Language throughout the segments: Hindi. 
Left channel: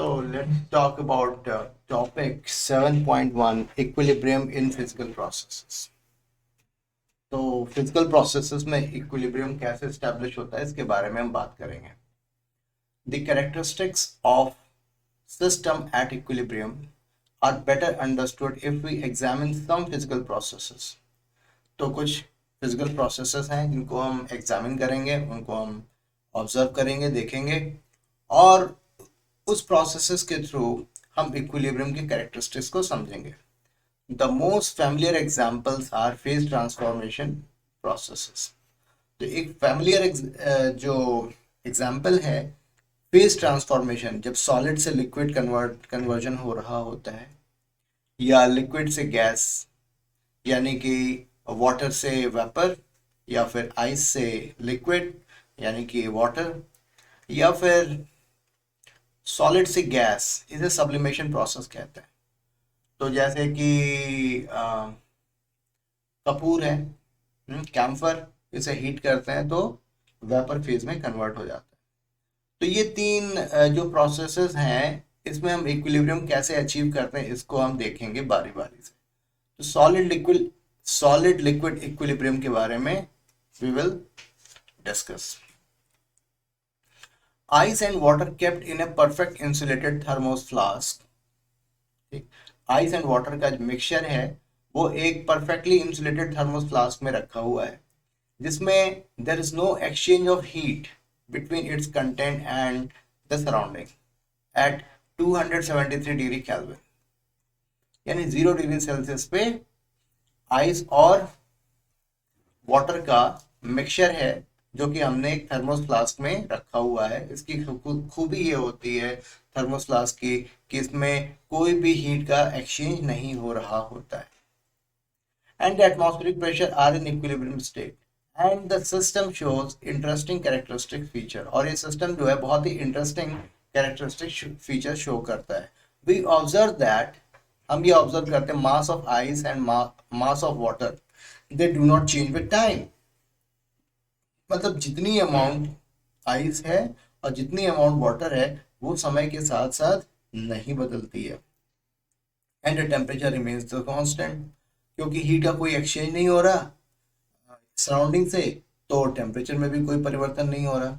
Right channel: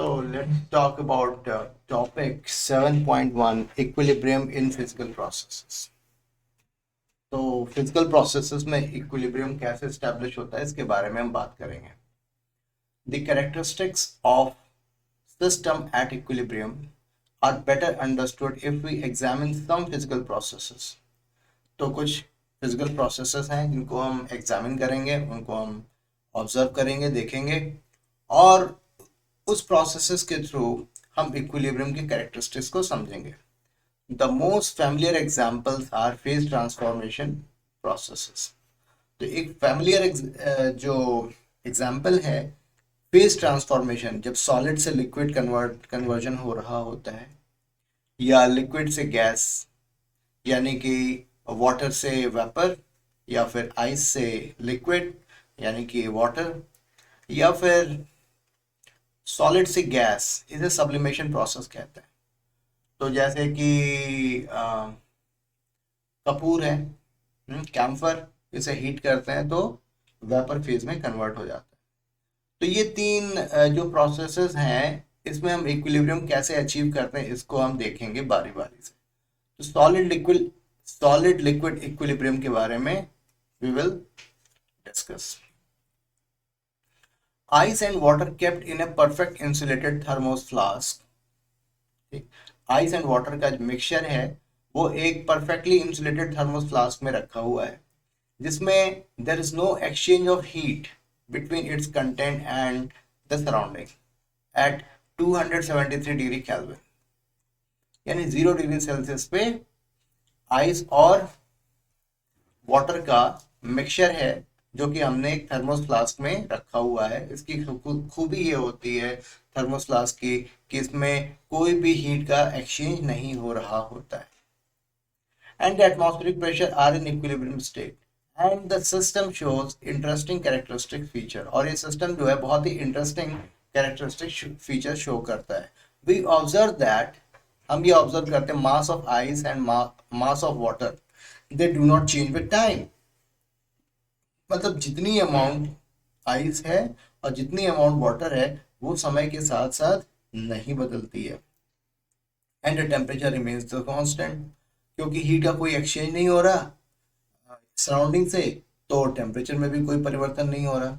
So let's talk about topic 7.1 equilibrium in physical processes. तो फिजिकल प्रोसेसेस में इक्विलिब्रियम कैसे एस्टेब्लिश होता है इसके बारे में हम बात करेंगे. The characteristics of system at equilibrium are better understood if we examine some physical processes. तो कुछ फिजिकल प्रोसेसेस हैं जिनको हम एग्जामिन करेंगे, उनको हम ऑब्जर्व करेंगे, देखेंगे और उस प्रोसेसेस के थ्रू हम इक्विलिब्रियम की कैरेक्टरिस्टिक्स को समझेंगे. The most familiar examples R phase transformation processes. तो एक फैमिलियर जो एग्जांपल है फेज ट्रांसफॉर्मेशन, जब सॉलिड से लिक्विड कन्वर्जन हो रहा होता है, या लिक्विड से गैस यानी कि वाटर से वेपर, या फिर आइस से लिक्विड यानी कि वाटर, या फिर सॉलिड से गैस, इसे सब्लिमेशन प्रोसेस कहते हैं. तो जैसे कि कपूर है, कैम्फर, इसे हीट करते हैं तो वेपर फेज में कन्वर्ट हो जाता है. तो ये तीन जो प्रोसेसेस हैं इसमें हम इक्विलिब्रियम कैसे अचीव करते हैं इसको हम देखेंगे बारी बारी से. तो सॉलिड लिक्विड इक्विलिब्रियम के बारे में we will discuss. Ice and water kept in a perfect insulated thermos flask. Ice and water का जो मिक्सचर है वो एक परफेक्टली इंसुलेटेड थर्मोस फ्लास्क में रखा हुआ है, जिसमें there is no exchange of heat between its content and the surrounding at 273 degree kelvin, यानी 0 डिग्री सेल्सियस पे आइस और वाटर का मिक्सचर है जो कि हमने एक थर्मोस फ्लास्क में रखा हुआ है. इसकी खूबी ये होती है थर्मोस फ्लास्क की कि इसमें कोई भी हीट का एक्सचेंज नहीं हो रहा होता है. And the atmospheric pressure are in equilibrium state and the system shows interesting characteristic feature. और ये सिस्टम जो है बहुत ही इंटरेस्टिंग कैरेक्टरिस्टिक फीचर शो करता है. वी ऑब्जर्व दैट, हम ये ऑब्जर्व करते हैं, मास of ice and mass of water they do not change with time. मतलब जितनी अमाउंट आइस है और जितनी अमाउंट वाटर है वो समय के साथ साथ नहीं बदलती है. And the temperature remains the constant, क्योंकि हीट का कोई एक्सचेंज नहीं हो रहा सराउंडिंग से, तो टेम्परेचर में भी कोई परिवर्तन नहीं हो रहा.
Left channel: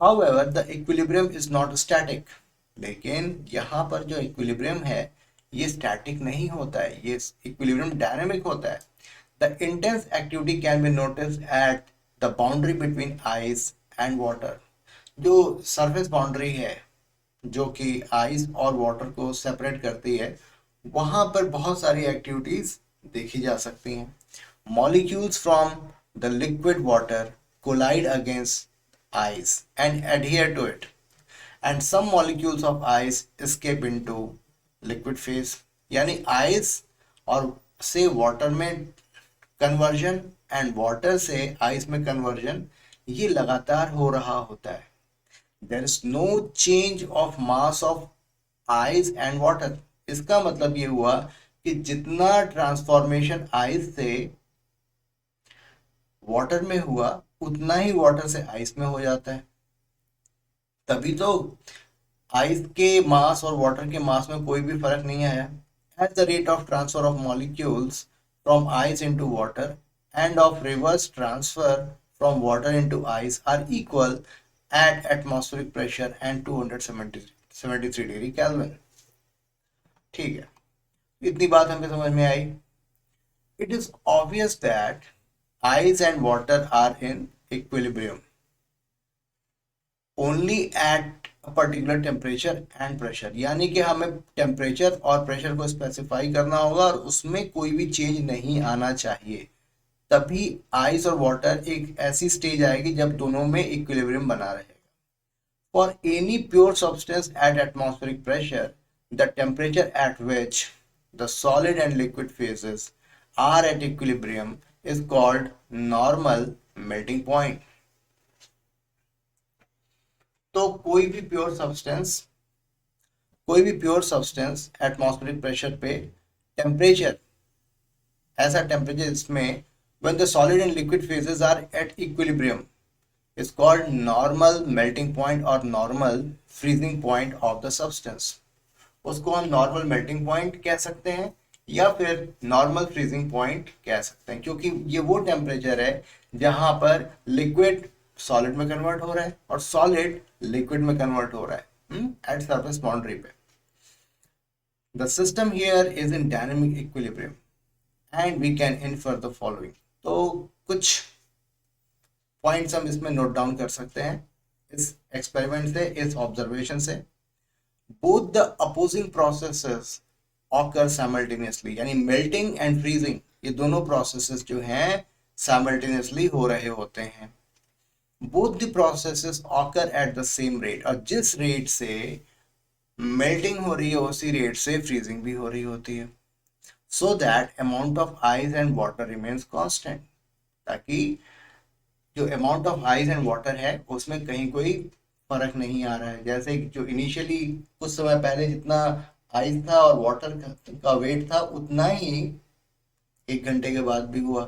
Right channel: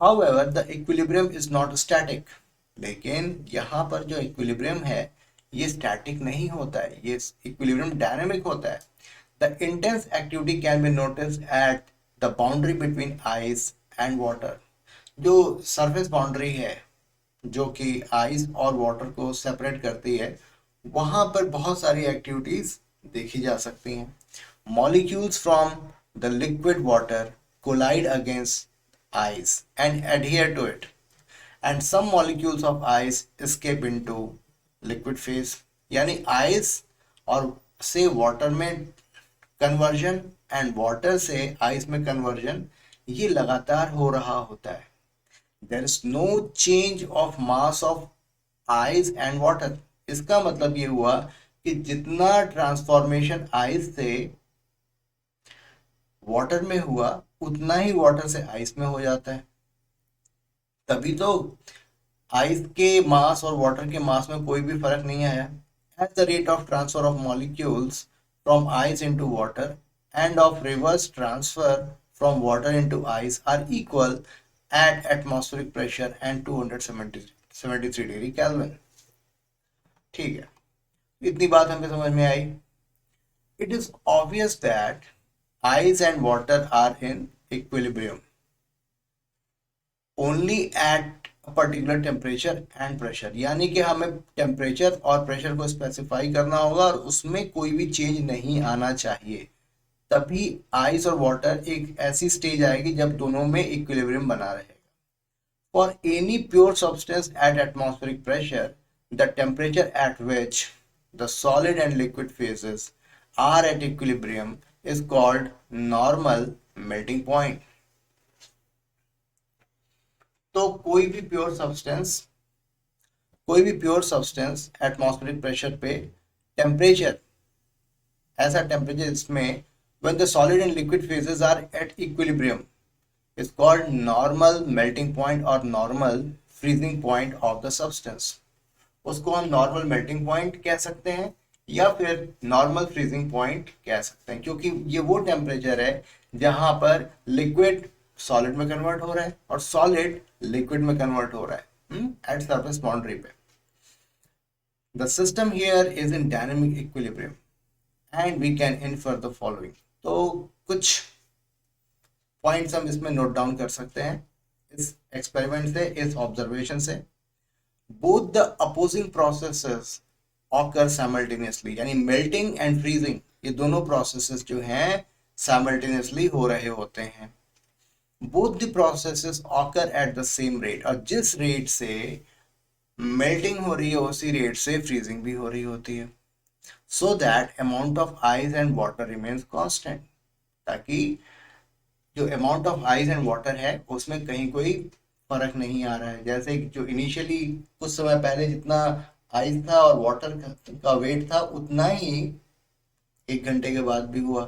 However the equilibrium is not static. लेकिन यहाँ पर जो इक्विलिब्रियम है ये स्टैटिक नहीं होता है, ये इक्विलिब्रियम डायनामिक होता है. The intense activity can be notice at the boundary between ice and water. जो सरफेस बाउंड्री है जो कि आइस और वाटर को सेपरेट करती है, वहां पर बहुत सारी एक्टिविटीज देखी जा सकती हैं. Molecules from the liquid water collide against ice and adhere to it, and some molecules of ice escape into liquid phase. यानी आइस और से वाटर में कन्वर्जन एंड वाटर से आइस में कन्वर्जन ये लगातार हो रहा होता है. There is no change of mass of ice and water. इसका मतलब ये हुआ कि जितना ट्रांसफॉर्मेशन आइस से वाटर में हुआ उतना ही वाटर से आइस में हो जाता है. तभी तो आइस के मास और वाटर के मास में कोई भी फर्क नहीं आया. At the rate of transfer of molecules from ice into water and of reverse transfer from water into ice are equal at atmospheric pressure and 273 degree kelvin. ठीक है, इतनी बात हमें समझ में आई. It is obvious that ice and water are in equilibrium only at a particular temperature and pressure. यानी कि हमें टेम्परेचर और प्रेशर को स्पेसिफाई करना होगा और उसमें कोई भी चेंज नहीं आना चाहिए. तभी आइस और वाटर एक ऐसी स्टेज आएगी जब दोनों में इक्विलिब्रियम बना रहेगा. For any pure substance at atmospheric pressure the temperature at which the solid and liquid phases are at equilibrium is called normal melting point. तो कोई भी प्योर सब्सटेंस एटमॉस्फेरिक प्रेशर पे टेम्परेचर, ऐसा टेम्परेचर इसमें when the solid and liquid phases are at equilibrium is called normal melting point or normal freezing point of the substance. उसको हम नॉर्मल मेल्टिंग पॉइंट कह सकते हैं या फिर नॉर्मल फ्रीजिंग पॉइंट कह सकते हैं, क्योंकि ये वो टेम्परेचर है जहां पर लिक्विड सॉलिड में कन्वर्ट हो रहा है और सॉलिड लिक्विड में कन्वर्ट हो रहा है एट सरफेस बाउंड्री पे। The system here is in dynamic equilibrium and we can infer the following. तो कुछ पॉइंट्स हम इसमें नोट डाउन कर सकते हैं इस एक्सपेरिमेंट से, इस ऑब्जर्वेशन से। Both the opposing processes occur simultaneously, यानी मेल्टिंग एंड फ्रीजिंग, ये दोनों प्रोसेसेस जो हैं साइमल्टेनियसली हो रहे होते हैं। Both the processes occur at the same rate, और जिस रेट से मेल्टिंग हो रही है उसी रेट से फ्रीजिंग भी हो रही होती है। So that amount of ice and water remains constant, ताकि जो amount of ice and water है उसमें कहीं कोई फर्क नहीं आ रहा है। जैसे जो इनिशियली कुछ समय पहले जितना आइस था और वाटर का वेट था उतना ही 1 घंटे के बाद भी हुआ।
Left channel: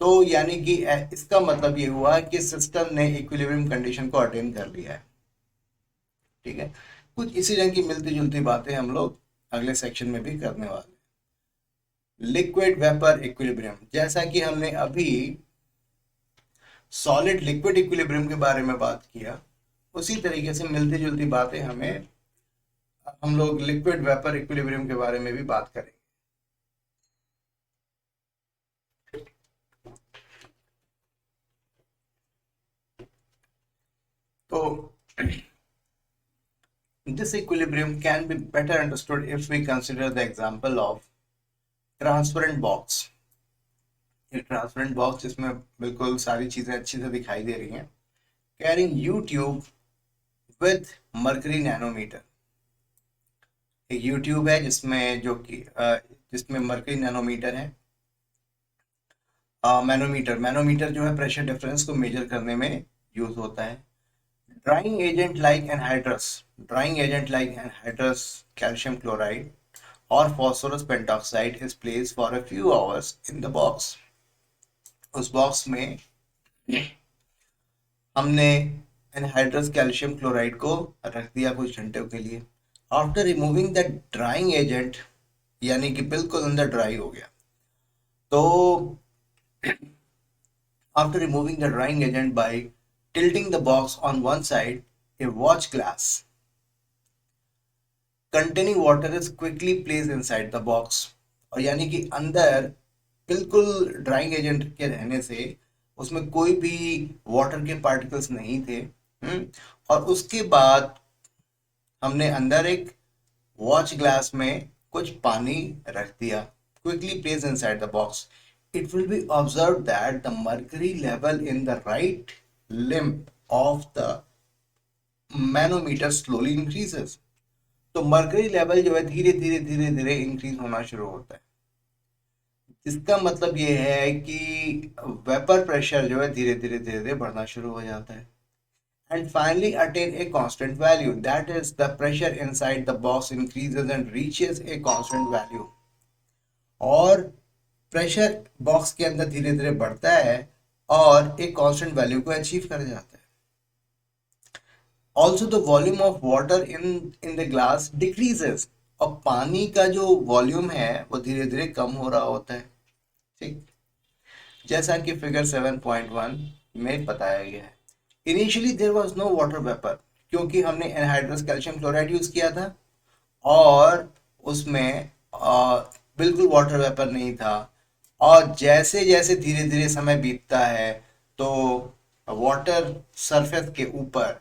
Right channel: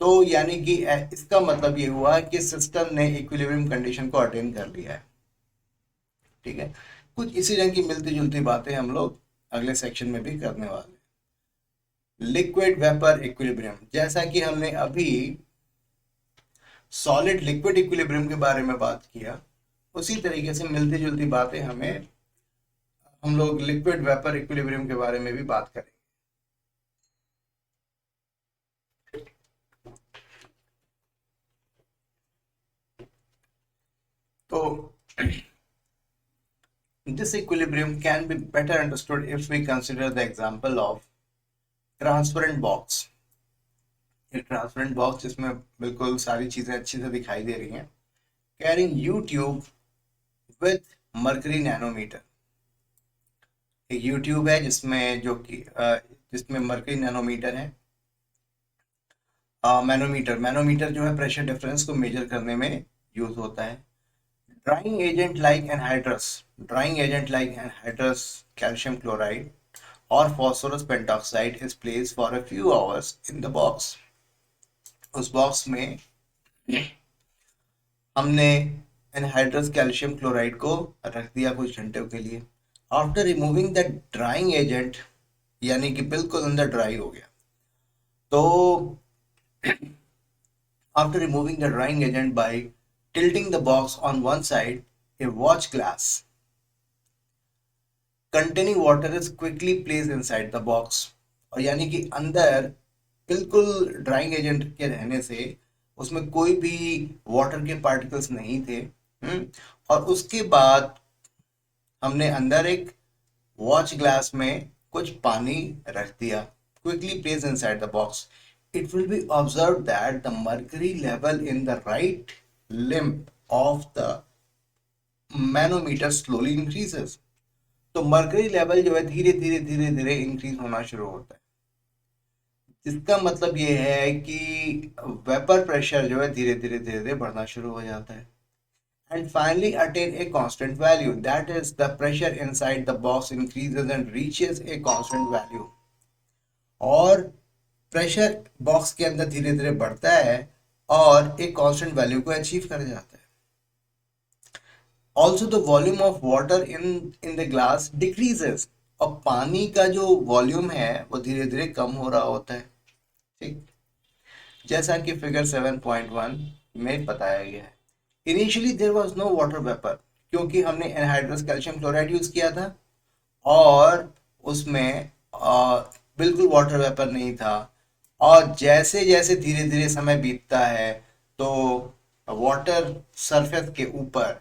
तो यानी कि इसका मतलब ये हुआ कि सिस्टम ने इक्विलिब्रियम कंडीशन को अटेन कर लिया है। ठीक है, कुछ इसी रंग की मिलती जुलती बातें हम लोग अगले सेक्शन में भी करने वाले हैं। लिक्विड वेपर इक्विलिब्रियम, जैसा कि हमने अभी सॉलिड लिक्विड इक्विलिब्रियम के बारे में बात किया, उसी तरीके से मिलती जुलती बातें हम लोग लिक्विड वेपर इक्विलिब्रियम के बारे में भी बात करेंगे। तो this equilibrium can be better understood if we consider the example of transparent box। एक ट्रांसपेरेंट बॉक्स जिसमें बिल्कुल सारी चीजें अच्छी से दिखाई दे रही हैं, carrying U tube with mercury nanometer. एक यूट्यूब है जिसमें जिसमें मर्करी नैनोमीटर है। मैनोमीटर जो है प्रेशर डिफरेंस को मेजर करने में यूज होता है। Drying agent like anhydrous calcium chloride और phosphorus pentoxide is placed for a few hours in the box। उस बॉक्स में हमने एनहाइड्रस कैल्शियम क्लोराइड को रख दिया कुछ घंटों के लिए। After removing the drying agent, यानी कि बिल्कुल अंदर ड्राई हो गया, तो after removing the drying agent by tilting the box on one side, a watch glass containing water is quickly placed inside the box। और यानी कि अंदर बिल्कुल ड्राइंग एजेंट के रहने से उसमें कोई भी वाटर के पार्टिकल्स नहीं थे। और उसके बाद हमने अंदर एक वॉच ग्लास में कुछ पानी रख दिया। Quickly place inside the box, it will be observed that the mercury level in the right limb of the manometer slowly increases। तो मर्करी लेवल जो है धीरे धीरे इंक्रीज होना शुरू होता है। इसका मतलब ये है कि वेपर प्रेशर जो है धीरे धीरे बढ़ना शुरू हो जाता है। And finally attain a constant value, that is the pressure inside the box increases and reaches a constant value. और प्रेशर बॉक्स के अंदर धीरे धीरे बढ़ता है और एक कांस्टेंट वैल्यू को अचीव कर जाता है। Also the volume of water in the glass decreases, और पानी का जो वॉल्यूम है वो धीरे धीरे कम हो रहा होता है। ठीक, जैसा कि फिगर 7.1 में बताया गया है। Initially there was no water vapour, क्योंकि हमने एनहाइड्रस कैल्शियम क्लोराइड यूज किया था और उसमें बिल्कुल वाटर वेपर नहीं था। और जैसे जैसे धीरे धीरे समय बीतता है तो वाटर सरफेस के ऊपर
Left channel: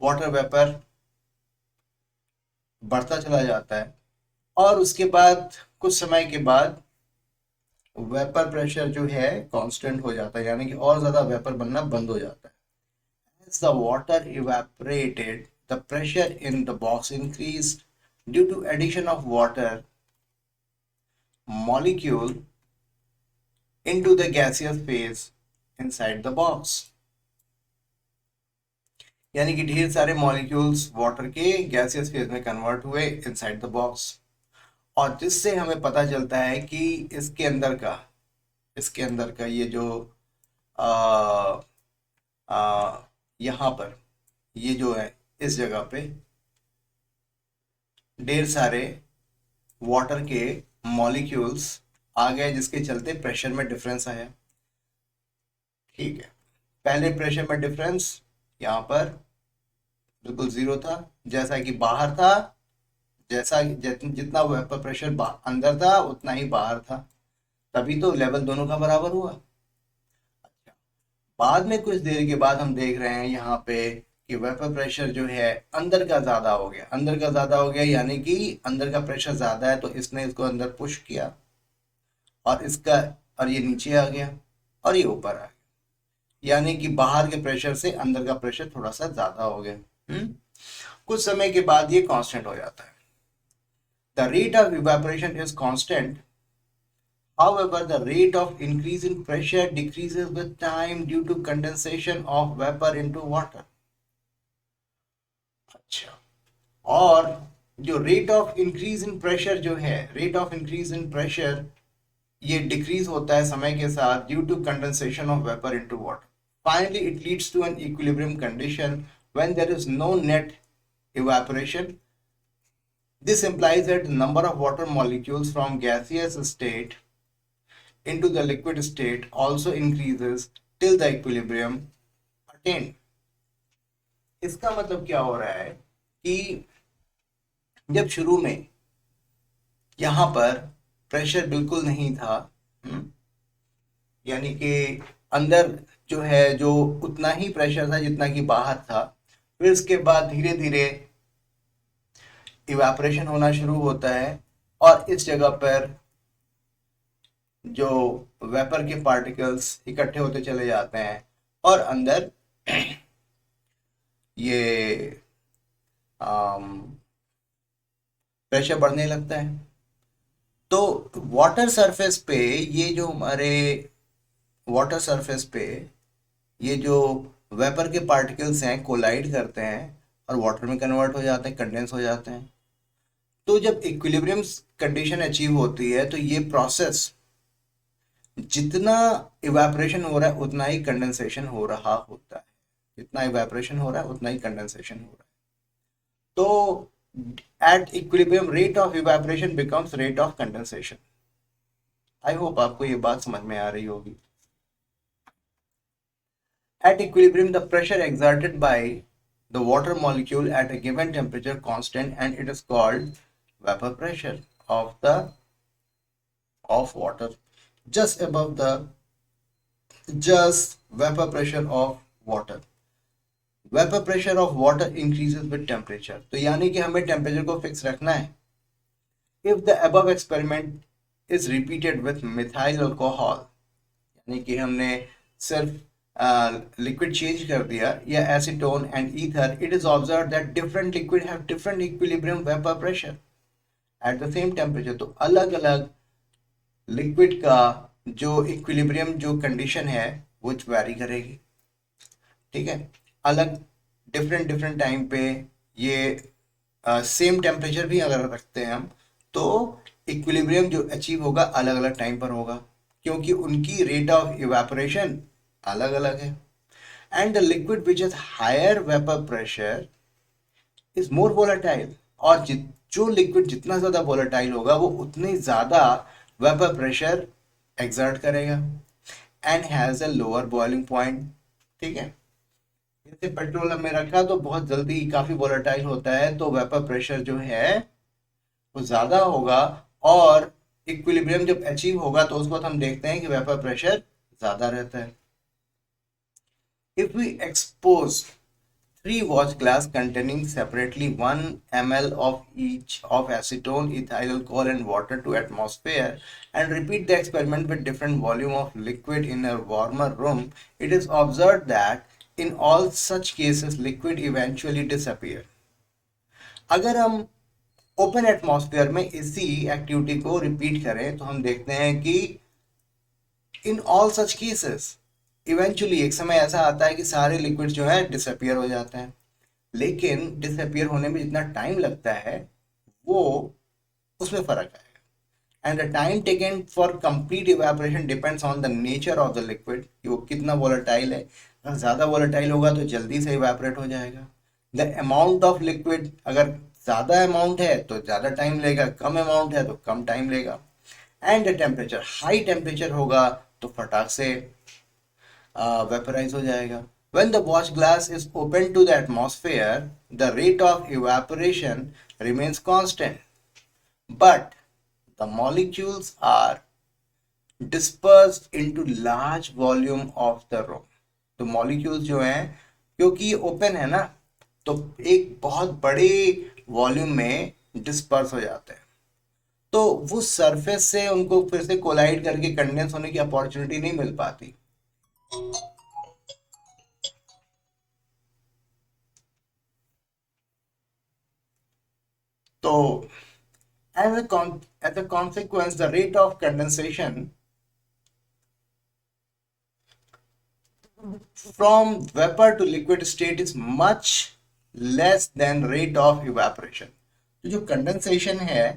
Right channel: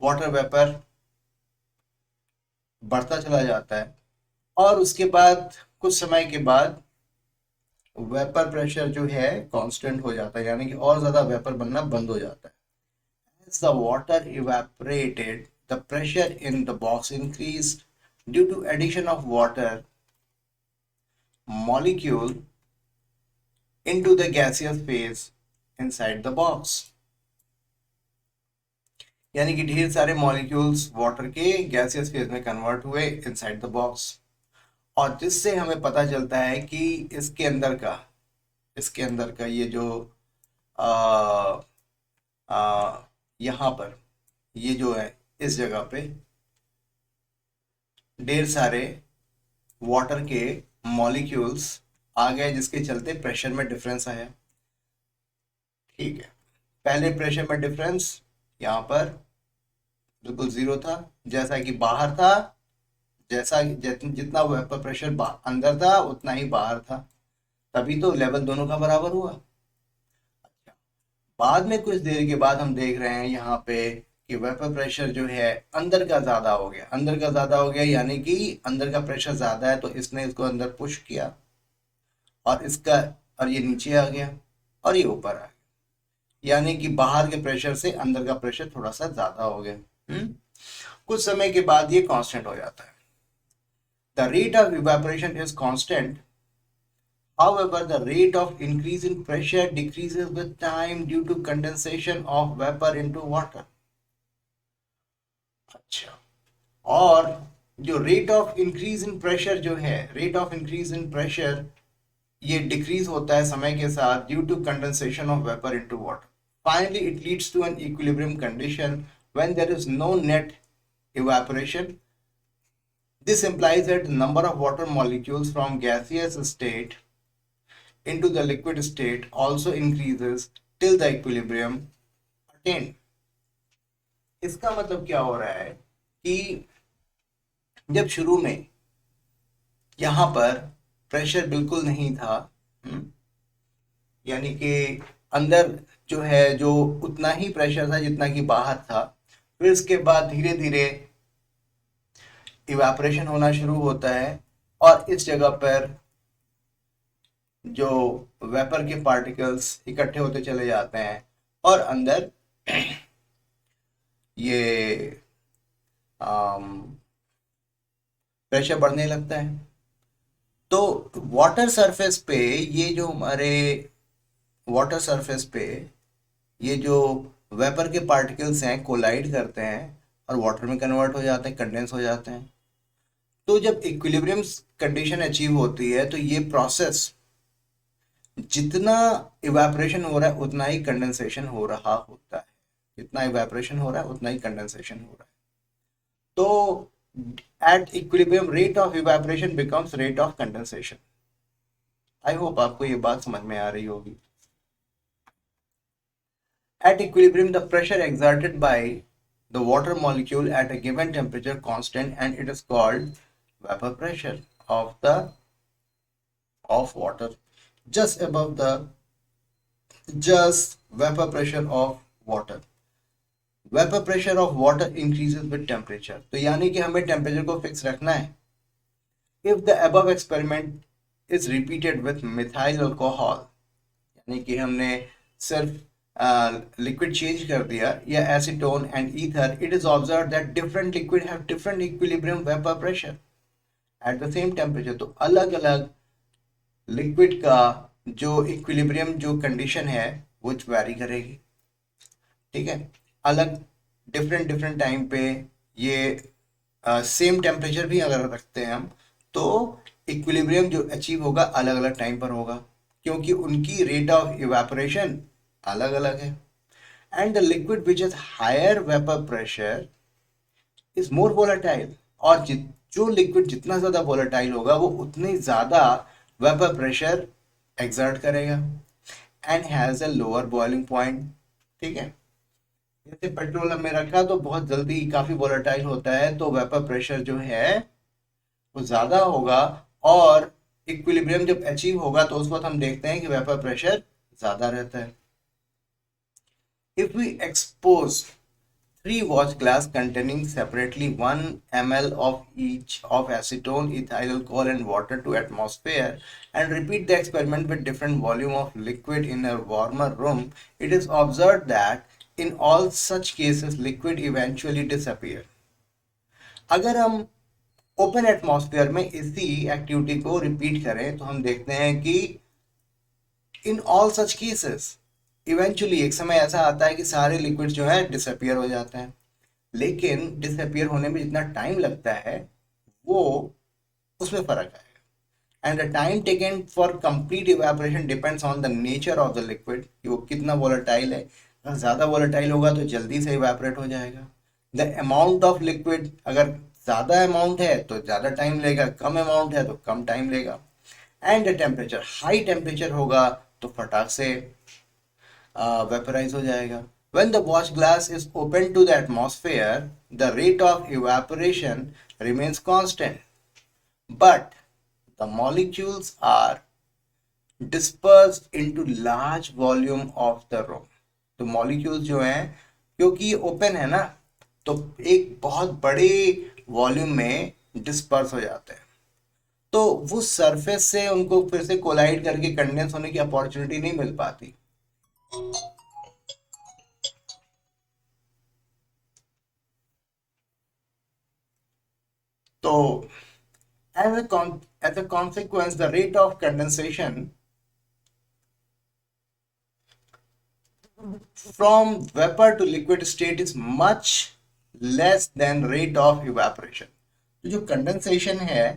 वाटर वेपर बढ़ता चला जाता है और उसके बाद कुछ समय के बाद वेपर प्रेशर जो है कांस्टेंट हो जाता है, यानी कि और ज्यादा वेपर बनना बंद हो जाता है। As the water evaporated, the pressure in the box increased due to addition of water molecule into the gaseous phase inside the box। यानी कि ढेर सारे मॉलिक्यूल्स वाटर के गैसियस फेज में कन्वर्ट हुए इनसाइड द बॉक्स। और जिससे हमें पता चलता है कि इसके अंदर का ये जो आ, आ, यहाँ पर ये जो है इस जगह पे ढेर सारे वाटर के मॉलिक्यूल्स आ गए, जिसके चलते प्रेशर में डिफरेंस आया। ठीक है, पहले प्रेशर में डिफरेंस यहाँ पर बिल्कुल जीरो था, जैसा कि बाहर था, जितना वेपर प्रेशर अंदर था उतना ही बाहर था, तभी तो लेवल दोनों का बराबर हुआ। बाद में कुछ देर के बाद हम देख रहे हैं यहाँ पे कि वेपर प्रेशर जो है अंदर का ज्यादा हो गया, अंदर का ज्यादा हो गया, यानी कि अंदर का प्रेशर ज्यादा है तो इसने इसको अंदर पुश किया, और इसका, और ये नीचे आ गया और ये ऊपर आ गया, यानी कि बाहर के प्रेशर से अंदर का प्रेशर थोड़ा सा ज्यादा हो गया। कुछ समय के बाद ये कांस्टेंट हो जाता है। The rate of evaporation is constant, however the rate of increase in pressure decreases with time due to condensation of vapor into water। अच्छा, और जो rate of increase in pressure जो है, rate of increase in pressure ये डिक्रीज होता है समय के साथ due to condensation of vapour into water. Finally it leads to an equilibrium condition when there is no net evaporation। This implies that the number of water molecules from gaseous state into the liquid state also increases till the equilibrium attained। इसका मतलब क्या हो रहा है कि जब शुरू में यहाँ पर प्रेशर बिल्कुल नहीं था, यानी कि अंदर जो है जो उतना ही प्रेशर था जितना कि बाहर था, फिर उसके बाद धीरे धीरे इवेपोरेशन होना शुरू होता है, और इस जगह पर जो वेपर के पार्टिकल्स इकट्ठे होते चले जाते हैं और अंदर ये प्रेशर बढ़ने लगता है। तो वाटर सरफेस पे ये जो हमारे वाटर सरफेस पे ये जो वेपर के पार्टिकल्स हैं कोलाइड करते हैं और वाटर में कन्वर्ट हो जाते हैं, कंडेंस हो जाते हैं। तो जब इक्विलिब्रियम कंडीशन अचीव होती है तो ये प्रोसेस, जितना इवेपोरेशन हो रहा है उतना ही कंडेंसेशन हो रहा होता है, जितना इवेपोरेशन हो रहा है उतना ही कंडेंसेशन हो रहा है। तो at equilibrium rate of evaporation becomes rate of condensation। I hope आपको ये बात समझ में आ रही होगी। At equilibrium the pressure exerted by the water molecule at a given temperature constant and it is called vapor pressure of water just above the vapor pressure of water। Vapour pressure of water increases with temperature, तो यानी कि हमें टेम्परेचर को फिक्स रखना है। If the above experiment is repeated with methyl alcohol, यानी कि हमने सिर्फ लिक्विड चेंज कर दिया, या acetone and ether, it is observe that different liquid have different equilibrium vapour pressure at the same temperature. तो अलग अलग लिक्विड का जो इक्विलिब्रियम जो कंडीशन है वो वैरी करेगी। ठीक है, अलग डिफरेंट टाइम पे ये सेम टेम्परेचर भी अगर रखते हैं हम तो इक्विलिब्रियम जो अचीव होगा अलग अलग टाइम पर होगा, क्योंकि उनकी रेट ऑफ इवेपोरेशन अलग अलग है। And the liquid which is higher vapour pressure is more volatile, और जो लिक्विड जितना ज्यादा वोलेटाइल होगा वो उतने ज्यादा वेपर प्रेशर एक्सर्ट करेगा and has a lower boiling point. ठीक है, जैसे पेट्रोल में रखा तो बहुत जल्दी काफी वोलेटाइल होता है, तो वेपर प्रेशर जो है वो ज्यादा होगा, और इक्विलिब्रियम जब अचीव होगा तो उस वक्त हम देखते हैं कि वेपर प्रेशर ज्यादा रहता है। If we expose 3 watch glass containing separately 1 ml of each of acetone, ethyl alcohol and water to atmosphere and repeat the experiment with different volume of liquid in a warmer room, it is observed that in all such cases liquid eventually disappear। अगर हम ओपन एटमॉस्फेयर में इसी एक्टिविटी को रिपीट करें तो हम देखते हैं कि in all such cases eventually एक समय ऐसा आता है कि सारे लिक्विड जो है डिसअपियर हो जाते हैं, लेकिन डिसअपियर होने में जितना टाइम लगता है वो उसमें फर्क आएगा। And the time taken for complete evaporation depends on the nature of the liquid, कि वो कितना वोलेटाइल है। अगर ज़्यादा वोलेटाइल होगा तो जल्दी से इवेपोरेट हो जाएगा, द अमाउंट ऑफ लिक्विड, अगर ज्यादा अमाउंट है तो ज्यादा टाइम लेगा, कम अमाउंट है तो कम टाइम लेगा। एंड टेम्परेचर, हाई टेम्परेचर होगा तो फटाक से वेपराइज हो जाएगा। When the watch glass is open to the atmosphere, the rate of evaporation remains constant, but the molecules are dispersed into large volume of the room। तो मॉलिक्यूल्स जो हैं, क्योंकि ओपन है ना, तो एक बहुत बड़े वॉल्यूम में डिस्पर्स हो जाते हैं, तो वो सरफेस से उनको फिर से कोलाइड करके कंडेंस होने की अपॉर्चुनिटी नहीं मिल पाती। तो as a consequence, the rate of condensation from vapor to liquid state is much less than rate of evaporation। तो जो कंडेंसेशन है,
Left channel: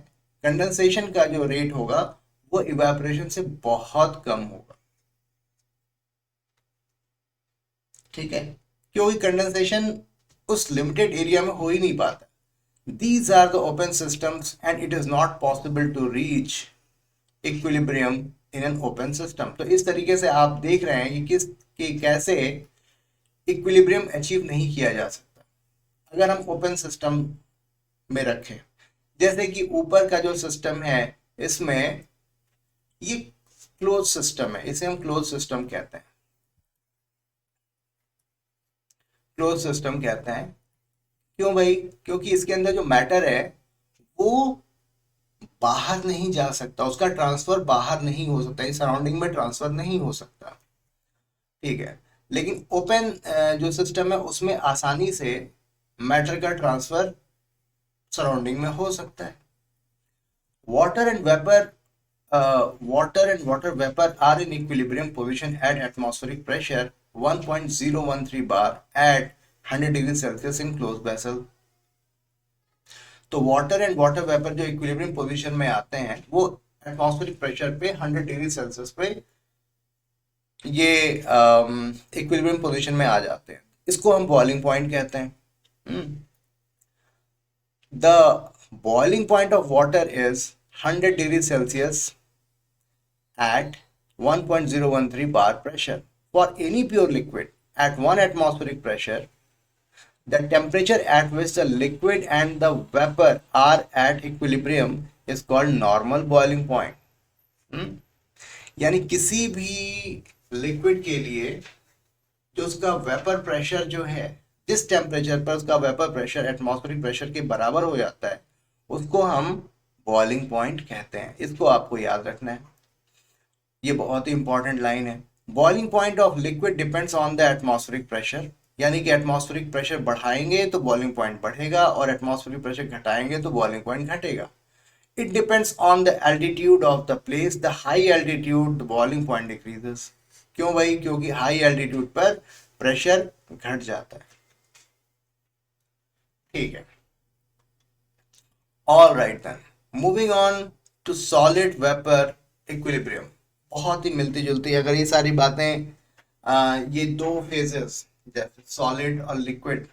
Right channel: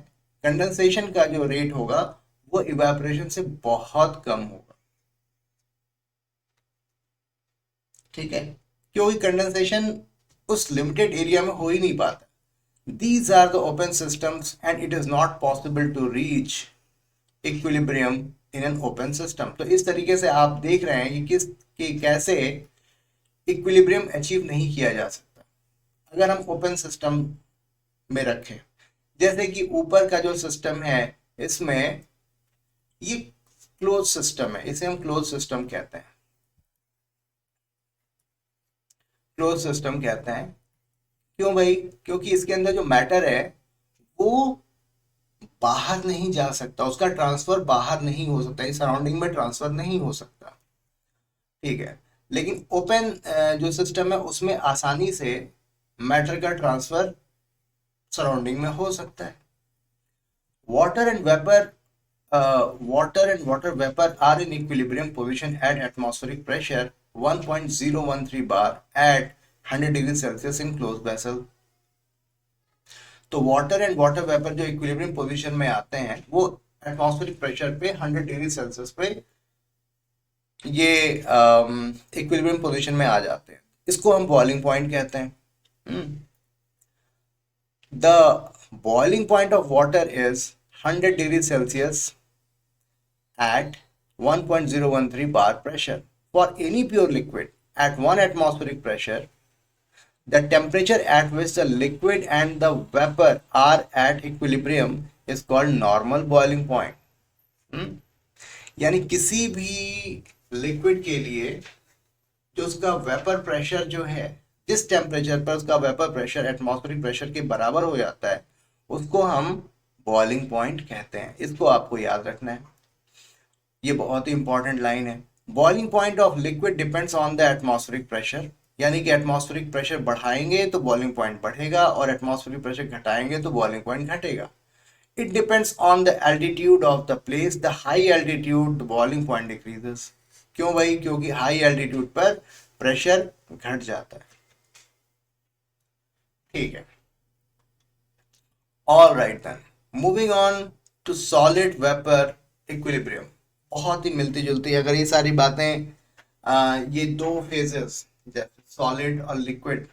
कंडेंसेशन का जो रेट होगा वो इवेपोरेशन से बहुत कम होगा। ठीक है, क्योंकि कंडेंसेशन उस लिमिटेड एरिया में हो ही नहीं पाता। These are the open systems and it is not possible to reach equilibrium in an open system। तो इस तरीके से आप देख रहे हैं कि कैसे इक्विलिब्रियम अचीव नहीं किया जा सकता अगर हम ओपन सिस्टम में रखें। जैसे कि ऊपर का जो सिस्टम है, इसमें ये क्लोज सिस्टम है, इसे हम क्लोज सिस्टम कहते हैं। क्लोज सिस्टम कहते हैं क्यों भाई? क्योंकि इसके अंदर जो मैटर है वो बाहर नहीं जा सकता, उसका ट्रांसफर बाहर नहीं हो सकता, इस सराउंडिंग में ट्रांसफर नहीं हो सकता। ठीक है, लेकिन ओपन जो सिस्टम है उसमें आसानी से मैटर का ट्रांसफर सराउंडिंग में हो सकता है। Water and vapour vapour are in equilibrium position at atmospheric pressure 1.013 bar at 100 degree Celsius in close vessel. तो वाटर एंड वाटर वेपर जो इक्विलिब्रियम पोजीशन में आते हैं वो एटमॉस्फेरिक प्रेशर पे 100 डिग्री सेल्सियस पे ये इक्विलिब्रियम पोजीशन में आ जाते हैं। इसको हम बॉइलिंग पॉइंट कहते हैं। The boiling point of water is 100 degree Celsius at 1.013 bar pressure। For any pure liquid at 1 atmospheric pressure, the temperature at which the liquid and the vapor are at equilibrium is called normal boiling point। यानी किसी भी लिक्विड के लिए जो उसका वेपर प्रेशर जो है, जिस टेम्परेचर पर उसका वेपर प्रेशर एटमॉस्फेरिक प्रेशर के बराबर हो जाता है, उसको हम बॉइलिंग पॉइंट कहते हैं। इसको आपको याद रखना है, ये बहुत ही इंपॉर्टेंट लाइन है। Boiling point of liquid depends on the atmospheric pressure, यानी कि एटमॉस्फेरिक प्रेशर बढ़ाएंगे तो बॉइलिंग पॉइंट बढ़ेगा और एटमॉस्फेरिक प्रेशर घटाएंगे तो बॉइलिंग पॉइंट घटेगा। It depends on the altitude of the place, the high altitude the boiling point decreases. क्यों भाई? क्योंकि हाई एल्टीट्यूड पर प्रेशर घट जाता है। ठीक है, all right then, moving on to solid vapour equilibrium. बहुत ही मिलती जुलती, अगर ये सारी बातें ये दो फेजेस सॉलिड और लिक्विड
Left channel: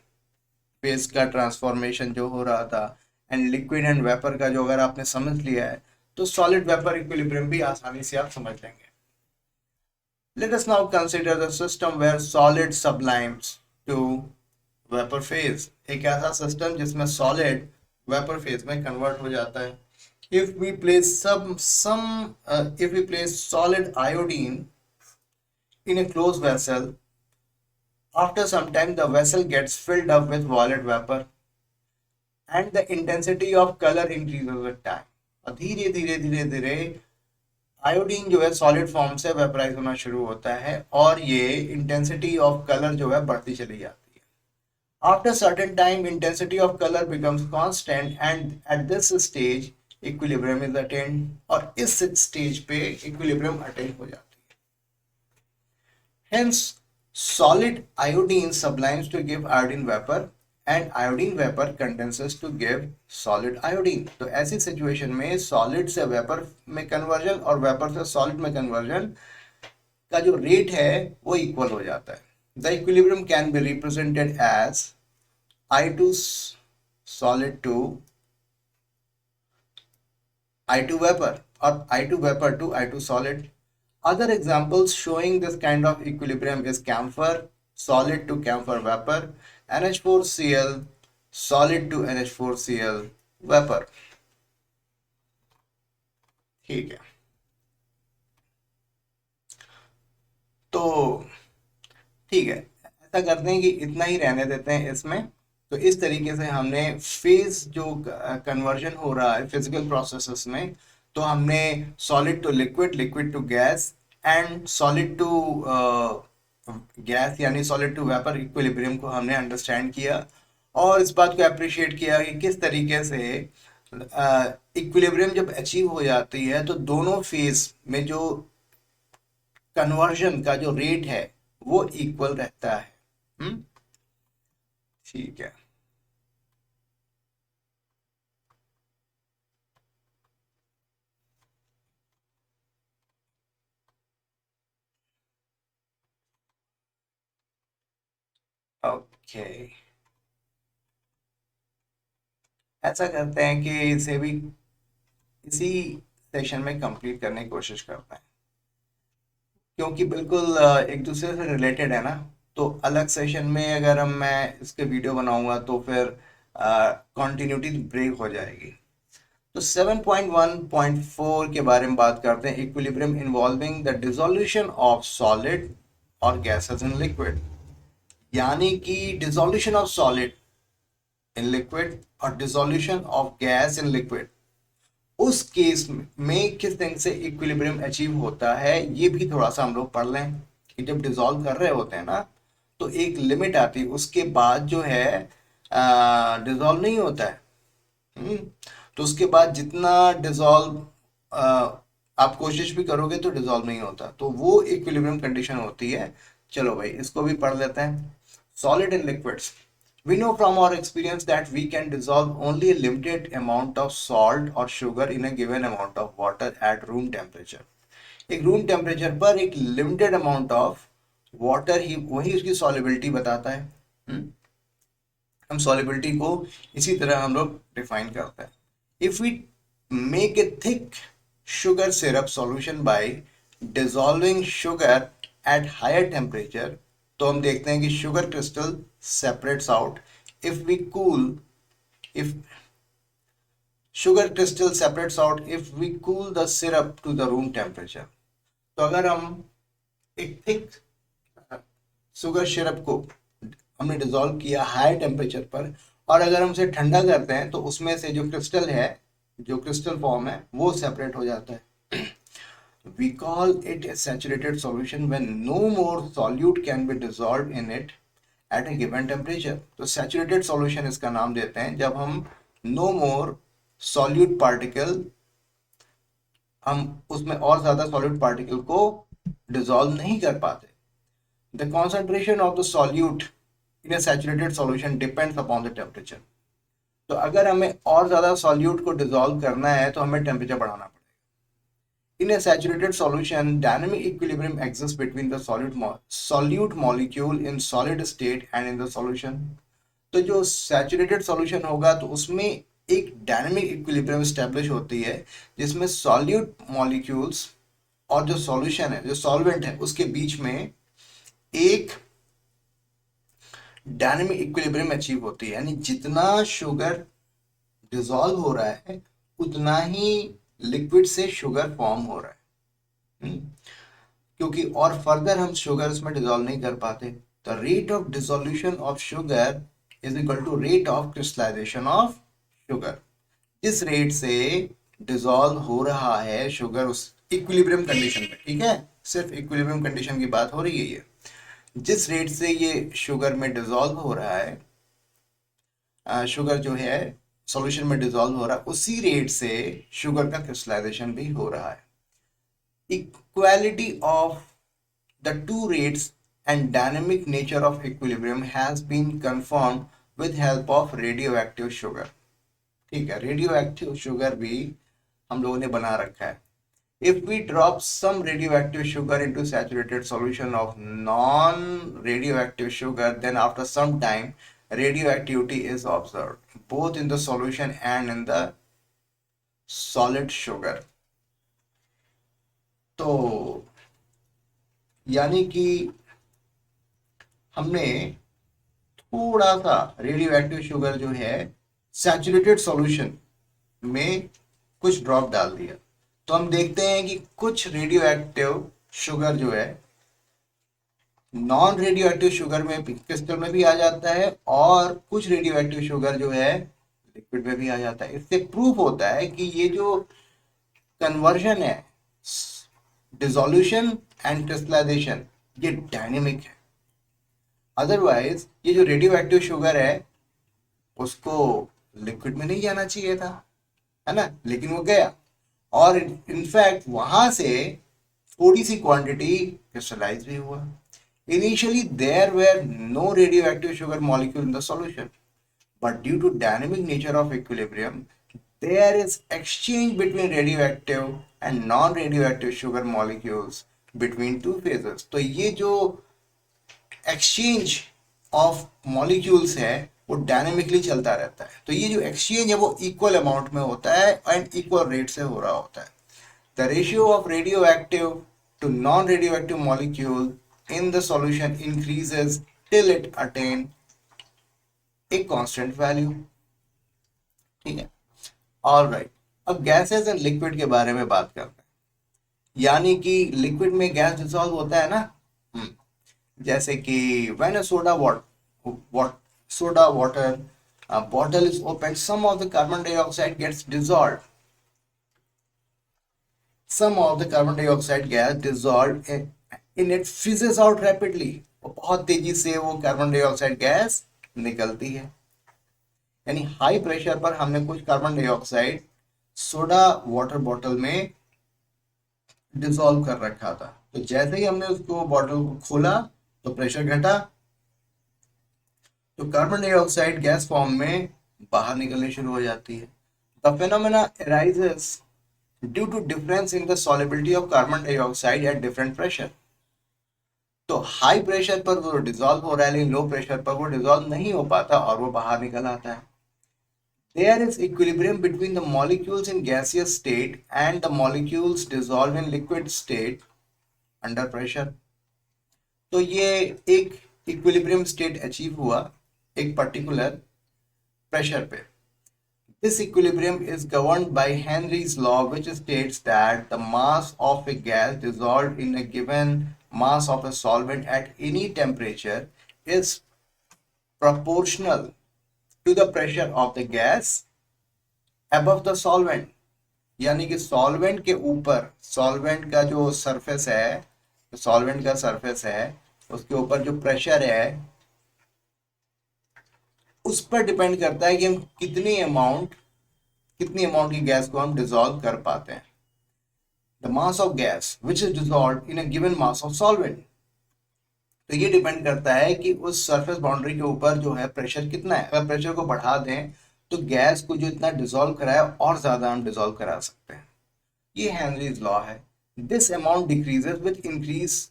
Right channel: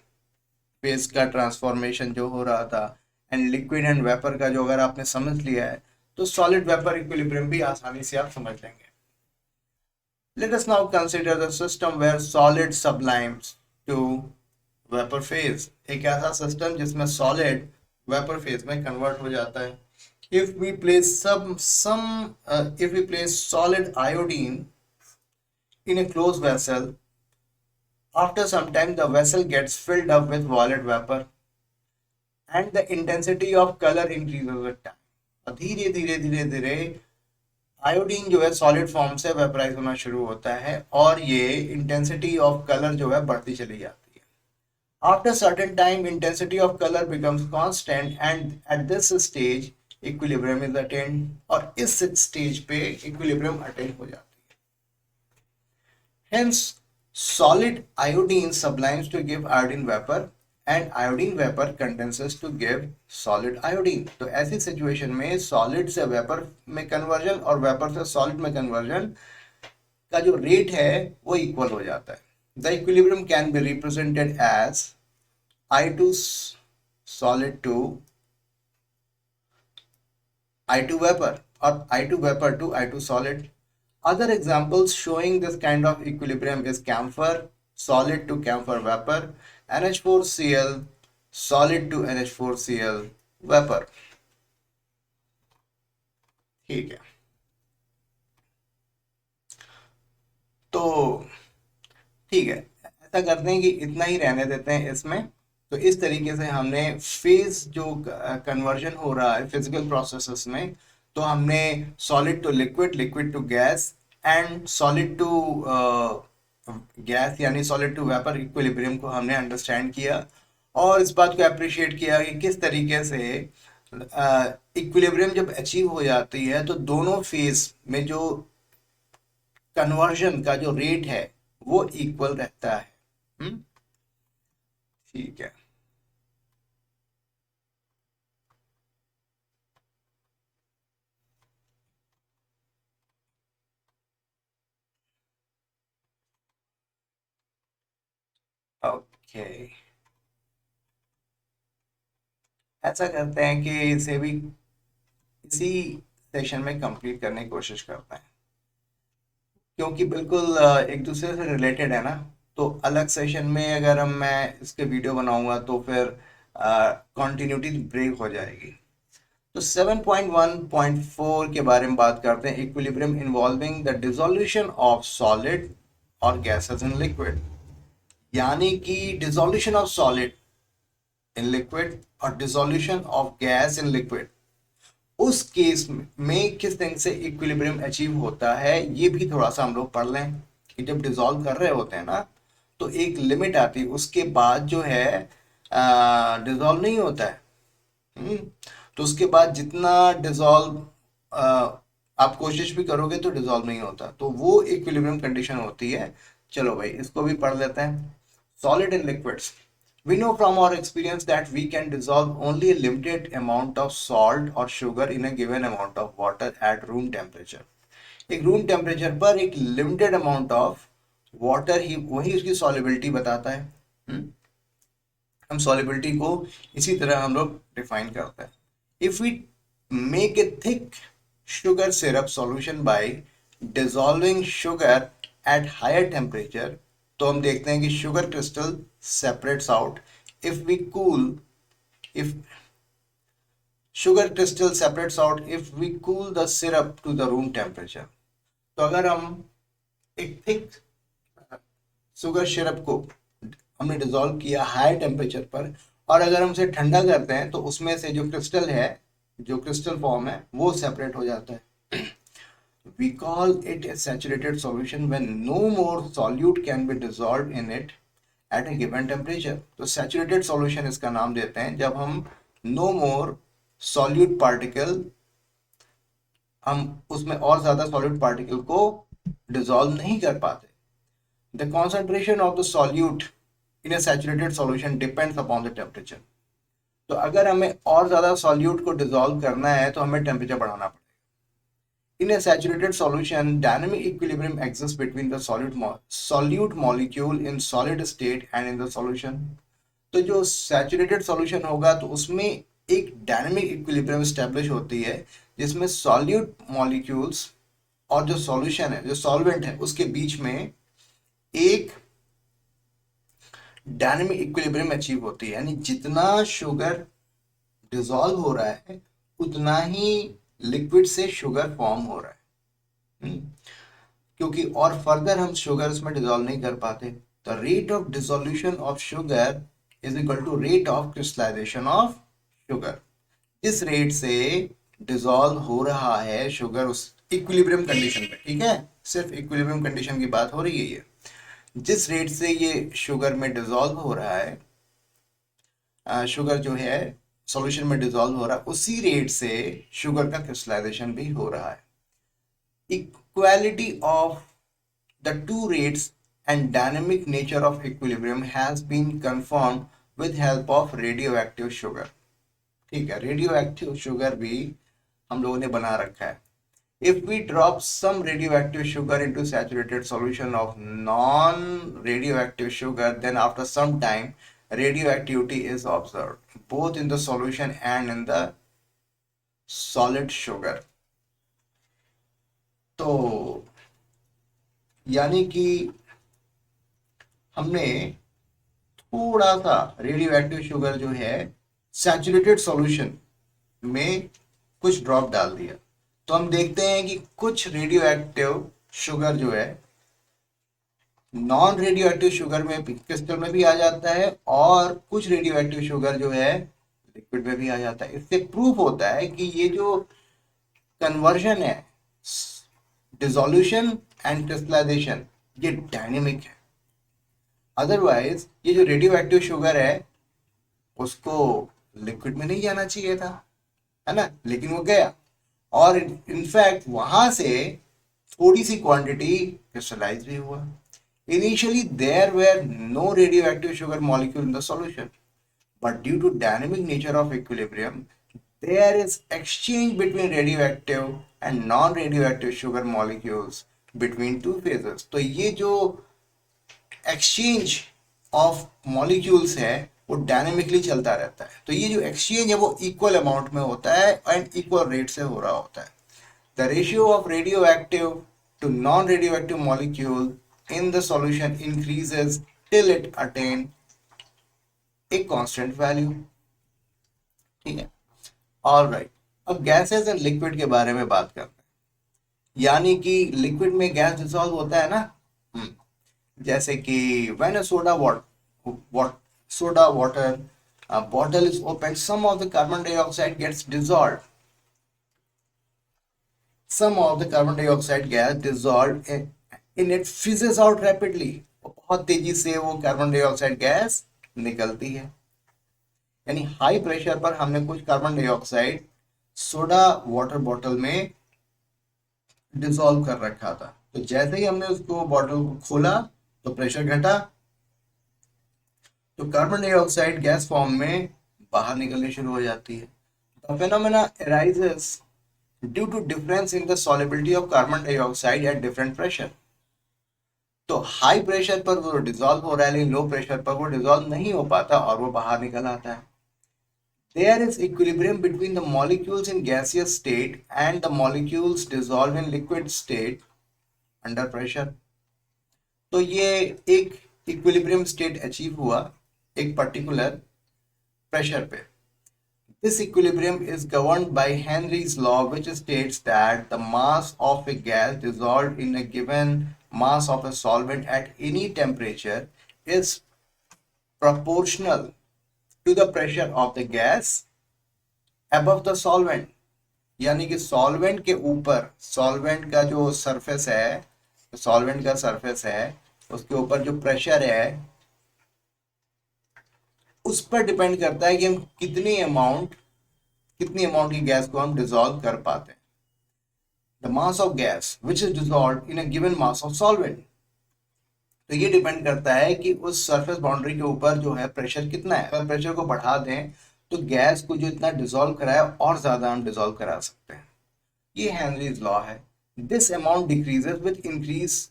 फेज का ट्रांसफॉर्मेशन जो हो रहा था एंड लिक्विड एंड वेपर का जो अगर आपने समझ लिया है तो सॉलिड वेपर इक्विलिब्रियम भी आसानी से आप समझ लेंगे। Let us now consider the system where solid sublimes to vapor phase। एक ऐसा सिस्टम जिसमें सॉलिड वेपर फेज में कन्वर्ट हो जाता है। If we place if we place solid iodine in a closed vessel, after some time the vessel gets filled up with violet vapor and the intensity of color increases with time। और धीरे धीरे धीरे धीरे आयोडीन जो है सॉलिड फॉर्म से वेपराइज होना शुरू होता है और ये इंटेंसिटी ऑफ कलर जो है बढ़ती चली जाती है। After certain time intensity of colour becomes constant and at this stage equilibrium is attained. और इस स्टेज पे इक्विलिब्रियम अटेन हो जाती है। Hence solid iodine sublimes to give iodine vapour and iodine vapour condenses to give solid iodine. तो ऐसी सिचुएशन में सॉलिड से वेपर में कन्वर्जन और वेपर से सॉलिड में कन्वर्जन का जो रेट है वो इक्वल हो जाता है। The equilibrium can be represented as I2 solid to I2 vapor or I2 vapor to I2 solid. Other examples showing this kind of equilibrium is camphor solid to camphor vapor, NH4Cl solid to NH4Cl vapor. ठीक है, तो ठीक है, ऐसा करते हैं कि इतना ही रहने देते हैं इसमें। तो इस तरीके से हमने फेज जो कन्वर्जन हो रहा है फिजिकल प्रोसेसेस में, तो हमने solid to liquid, liquid to gas and solid to gas यानी सॉलिड टू वेपर इक्विलिब्रियम को हमने अंडरस्टैंड किया और इस बात को अप्रिशिएट किया कि किस तरीके से इक्विलिब्रियम जब अचीव हो जाती है तो दोनों फेज में जो कन्वर्जन का जो रेट है वो इक्वल रहता है। हम्म, ठीक है। ओके, ऐसा करते हैं कि इसे भी इसी सेशन में कंप्लीट करने की कोशिश करते हैं, क्योंकि बिल्कुल एक दूसरे से रिलेटेड है ना। तो अलग सेशन में अगर मैं इसके वीडियो बनाऊंगा तो फिर कंटिन्यूटी ब्रेक हो जाएगी। तो 7.1.4 के बारे में बात करते हैं, equilibrium involving the dissolution of solid और गैसेस इन लिक्विड, यानी कि dissolution of solid in liquid और dissolution of gas in liquid, उस केस में किस तरह से इक्विलिब्रियम अचीव होता है ये भी थोड़ा सा हम लोग पढ़ लें कि जब डिसॉल्व कर रहे होते हैं ना तो एक लिमिट आती है, उसके बाद जो है डिसॉल्व नहीं होता है। हम्म, तो उसके बाद जितना डिसॉल्व आप कोशिश भी करोगे तो डिसॉल्व नहीं होता, तो वो इक्विलिब्रियम कंडीशन होती है। चलो भाई इसको भी पढ़ लेते हैं। Solid in liquids, we know from our experience that we can dissolve only a limited amount of salt or sugar in a given amount of water at room temperature। एक रूम टेम्परेचर पर एक लिमिटेड अमाउंट ऑफ वाटर ही वही उसकी सॉलिबिलिटी बताता है। हम सॉलिबिलिटी को इसी तरह हम लोग डिफाइन करते हैं। If we make a thick sugar syrup solution by dissolving sugar at higher temperature, तो हम देखते हैं कि sugar crystal separates out if we cool, if sugar crystal separates out if we cool the syrup to the room temperature। तो अगर हम एक थिक शुगर सिरप को हमने डिसॉल्व किया हाई टेम्परेचर पर और अगर हम उसे ठंडा करते हैं तो उसमें से जो क्रिस्टल है, जो क्रिस्टल फॉर्म है वो सेपरेट हो जाता है। We call it a saturated solution when no more solute can be dissolved in it at a given temperature। तो saturated solution इसका नाम देते हैं जब हम no more solute particle, हम उसमें और ज्यादा solute particle को dissolve नहीं कर पाते। The concentration of the solute in a saturated solution depends upon the temperature। तो अगर हमें और ज्यादा solute को dissolve करना है तो हमें temperature बढ़ाना पड़ेगा। In a saturated solution, dynamic equilibrium exists between the solute molecule in solid state and in the solution। तो जो saturated solution होगा तो उसमें एक dynamic equilibrium establish होती है जिसमें solute molecules और जो solution है, जो solvent है, उसके बीच में एक डायनेमिक इक्विलिब्रियम अचीव होती है। यानी जितना शुगर डिसॉल्व हो रहा है उतना ही लिक्विड से शुगर फॉर्म हो रहा है। क्योंकि और फर्दर हम शुगर उसमें डिसॉल्व नहीं कर पाते। The rate of dissolution of sugar is equal to rate of crystallization of sugar. जिस रेट से डिसॉल्व हो रहा है शुगर उस इक्विलिब्रियम कंडीशन पे, ठीक है, सिर्फ इक्विलिब्रियम कंडीशन की बात हो रही है, जिस रेट से ये शुगर में डिसॉल्व हो रहा है, शुगर जो है सॉल्यूशन में डिसॉल्व हो रहा है, उसी रेट से शुगर का क्रिस्टलाइजेशन भी हो रहा है। Equality of the two rates and dynamic nature of equilibrium has been confirm with help of radioactive sugar. ठीक है, रेडियो एक्टिव शुगर भी हम लोगों ने बना रखा है। If we drop some radioactive sugar into saturated solution of non-radioactive sugar, then after some time radioactivity is observed both in the solution and in the solid sugar। तो यानी कि हमने थोड़ा सा रेडियो एक्टिव शुगर जो है सैचुरेटेड सॉल्यूशन में कुछ ड्रॉप डाल दिया, तो हम देखते हैं कि कुछ रेडियो एक्टिव शुगर जो है नॉन रेडियो एक्टिव शुगर में क्रिस्टल में भी आ जाता है, और कुछ रेडियो एक्टिव शुगर जो है लिक्विड में भी आ जाता है। इससे प्रूफ होता है कि ये जो कन्वर्जन है, डिसोल्यूशन एंड क्रिस्टलाइजेशन, ये डायनेमिक है। अदरवाइज ये जो रेडियो एक्टिव शुगर है उसको लिक्विड में नहीं जाना चाहिए था, है ना, लेकिन वो गया, और इनफैक्ट वहां से थोड़ी सी क्वांटिटी क्रिस्टलाइज भी हुआ। Initially there were no radioactive sugar molecule in the solution, but due to dynamic nature of equilibrium, there is exchange between radioactive and non-radioactive sugar molecules between two phases। तो ये जो exchange of molecules है वो डायनेमिकली चलता रहता है। तो ये जो एक्सचेंज है वो इक्वल अमाउंट में होता है एंड इक्वल रेट से हो रहा होता है। The ratio of radioactive to non radioactive molecule in the solution increases till it attain a constant value। ठीक है, ऑलराइट। अब गैसेस एंड लिक्विड के बारे में बात करते हैं। यानी कि लिक्विड में गैस डिसॉल्व होता है ना, जैसे कि when a soda water bottle is opened, some of the carbon dioxide gets dissolved, some of the carbon dioxide gas dissolved in it fizzes out rapidly, बहुत तेजी से वो कार्बन डाइऑक्साइड गैस निकलती है। यानी हाई प्रेशर पर हमने कुछ carbon dioxide soda water bottle में डिसॉल्व कर रखा था, तो जैसे ही हमने उसको बॉटल को खोला तो प्रेशर घटा, तो कार्बन डाइऑक्साइड गैस फॉर्म में बाहर निकलनी शुरू हो जाती है। The phenomena arises due to difference in the solubility of carbon dioxide at different pressure. तो हाई प्रेशर पर वो डिसॉल्व हो रहा है, लेकिन लो प्रेशर पर वो डिसॉल्व नहीं हो पाता और वो बाहर निकल आता है। There is equilibrium between the molecules in gaseous state and the molecules dissolved in liquid state under pressure। तो ये एक इक्विलिब्रियम स्टेट अचीव हुआ एक पर्टिकुलर प्रेशर पे। This equilibrium is governed by Henry's law, which states that the mass of a gas dissolved in a given mass of a solvent at any temperature is proportional to the pressure of the gas above the solvent। यानी कि सॉल्वेंट के ऊपर, सॉल्वेंट का जो सरफेस है, सॉल्वेंट का सरफेस है उसके ऊपर जो प्रेशर है उस पर डिपेंड करता है कि हम कितनी अमाउंट की गैस को हम डिसॉल्व कर पाते हैं। The mass of gas which is dissolved in a given mass of solvent. तो ये डिपेंड करता है कि उस सरफेस बाउंड्री के ऊपर जो है प्रेशर कितना है। अगर प्रेशर को बढ़ा दें तो गैस को जो इतना डिसॉल्व कराए और ज्यादा हम डिसॉल्व करा सकते हैं। ये हेनरीज लॉ है। This amount decreases with increase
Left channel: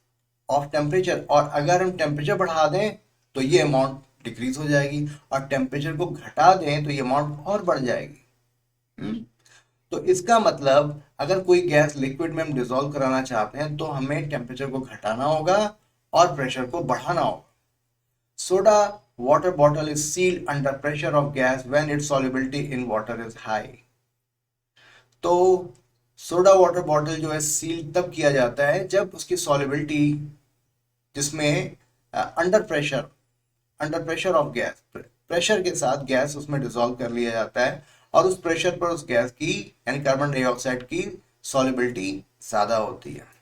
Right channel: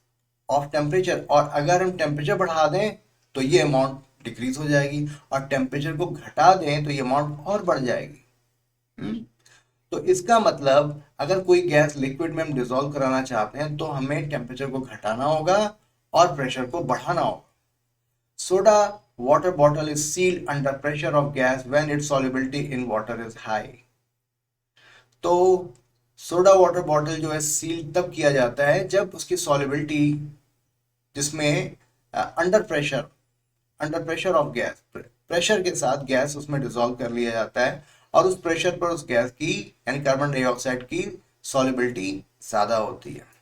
of temperature, और अगर हम टेम्परेचर बढ़ा दें तो ये अमाउंट डिक्रीज हो जाएगी, और टेम्परेचर को घटा दें तो ये अमाउंट और बढ़ जाएगी। तो इसका मतलब अगर कोई गैस लिक्विड में हम डिसॉल्व कराना चाहते हैं तो हमें टेम्परेचर को घटाना होगा और प्रेशर को बढ़ाना होगा। Soda water bottle is sealed under pressure of gas when its solubility in water is high। तो सोडा वाटर बॉटल जो है सील तब किया जाता है जब उसकी सॉल्युबिलिटी, जिसमें under pressure of gas, pressure के साथ गैस उसमें डिसॉल्व कर लिया जाता है, और उस प्रेशर पर उस गैस की यानी कार्बन डाइऑक्साइड की सॉल्युबिलिटी ज्यादा होती है।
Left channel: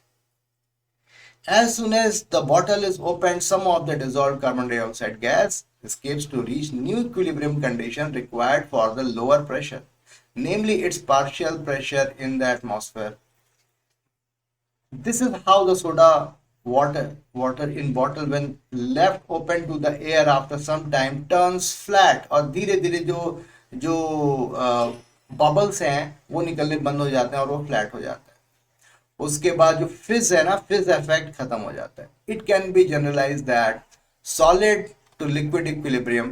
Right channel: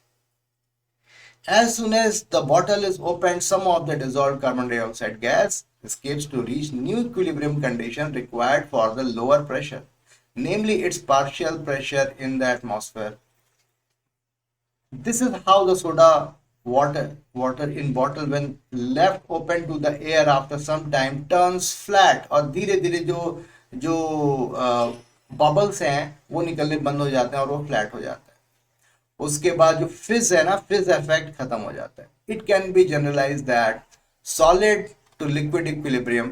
As soon as the bottle is opened, some of the dissolved carbon dioxide gas escapes to reach new equilibrium condition required for the lower pressure, namely its partial pressure in the atmosphere। This is how the soda water in bottle when left open to the air after some time turns flat, और धीरे धीरे जो बबल्स हैं वो निकलने बंद हो जाते हैं और वो फ्लैट हो जाता है। उसके बाद जो फिज है ना, फिज इफेक्ट खत्म हो जाता है। It can be generalize that solid to liquid equilibrium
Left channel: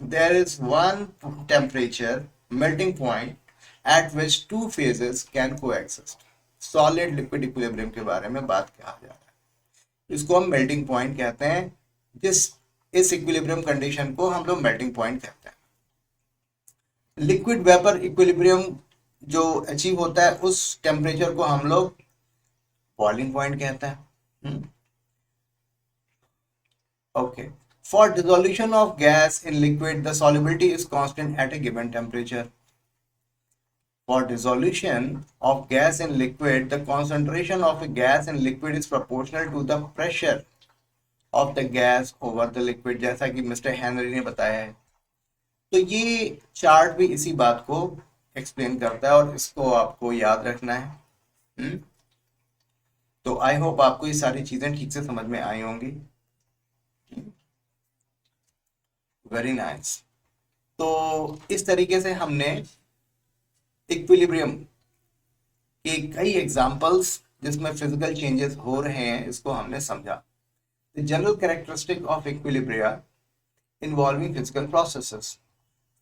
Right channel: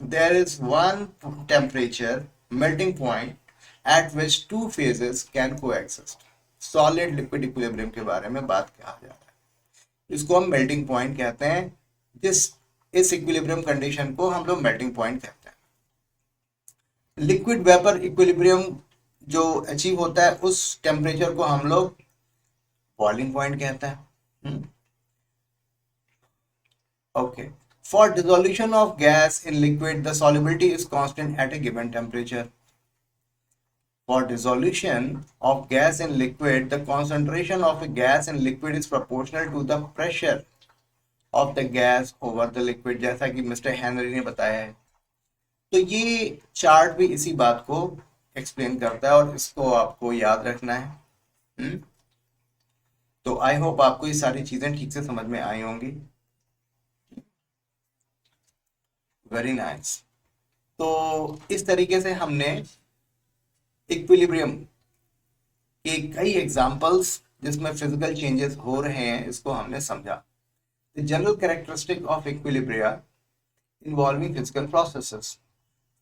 there is one temperature melting point at which two phases can coexist. Solid liquid equilibrium के बारे में बात किया जा रहा है, इसको हम मेल्टिंग पॉइंट कहते हैं। जिस इस इक्विलिब्रियम कंडीशन को हम लोग मेल्टिंग पॉइंट कहते हैं। लिक्विड वेपर इक्विलिब्रियम जो अचीव होता है उस टेम्परेचर को हम लोग बॉइलिंग पॉइंट कहते हैं। Okay, for dissolution of gas in liquid the solubility is constant eight A given temperature. For dissolution of gas in liquid, the concentration of a gas in liquid is proportional to the pressure of the gas over the liquid, जैसा कि मिस्टर हेनरी ने बताया है। तो ये चार्ट भी इसी बात को एक्सप्लेन करता है और इसको आपको याद रखना है। तो आई होप आपको ये सारी चीजें ठीक से समझ में आई होंगी। Very nice. तो इस तरीके से हमने इक्विलिब्रियम के कई एग्जांपल्स जिसमें फिजिकल चेंजेस हो रहे हैं इसको हमने समझा। The general characteristic of equilibria involving physical processes.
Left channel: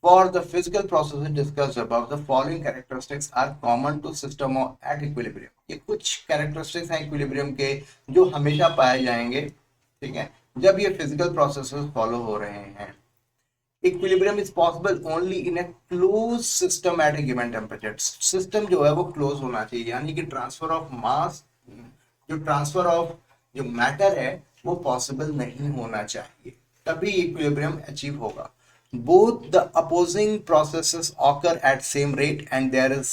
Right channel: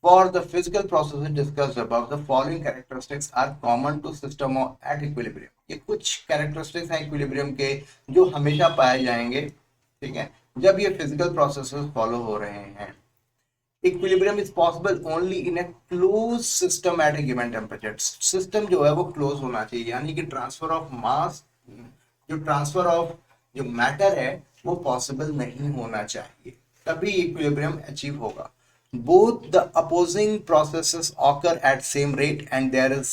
For the physical processes discussed above the following characteristics are common to system at equilibrium. ये कुछ कैरेक्टरिस्टिक्स हैं इक्विलिब्रियम के जो हमेशा पाए जाएंगे, ठीक है, जब ये फिजिकल प्रोसेसेस फॉलो हो रहे हैं। Equilibrium is possible only in A close system eight A given temperature. System जो है वो क्लोज होना चाहिए, यानी कि ट्रांसफर ऑफ मास, जो ट्रांसफर ऑफ जो मैटर है वो पॉसिबल नहीं होना चाहिए, तभी इक्विलिब्रियम अचीव होगा। Both the opposing processes occur at same rate and there is